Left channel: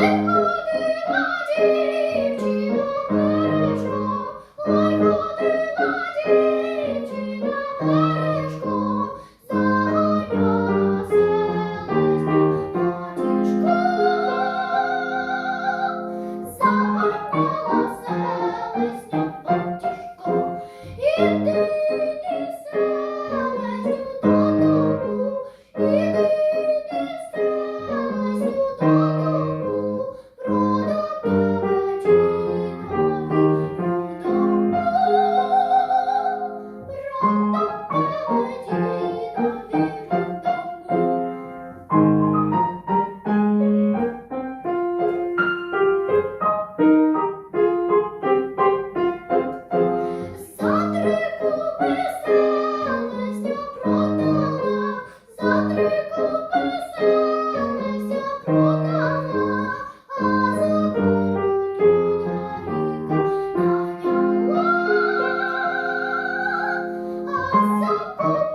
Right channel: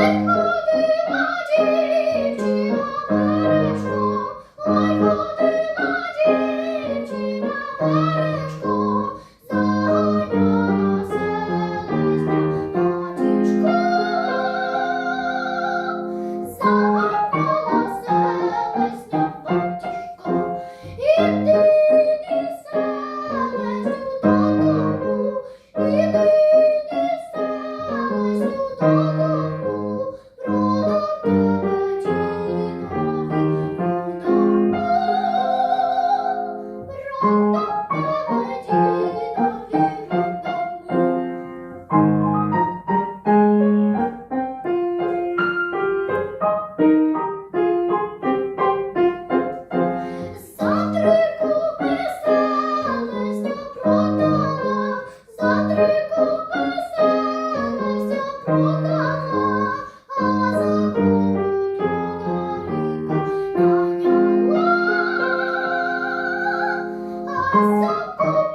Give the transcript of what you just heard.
Música so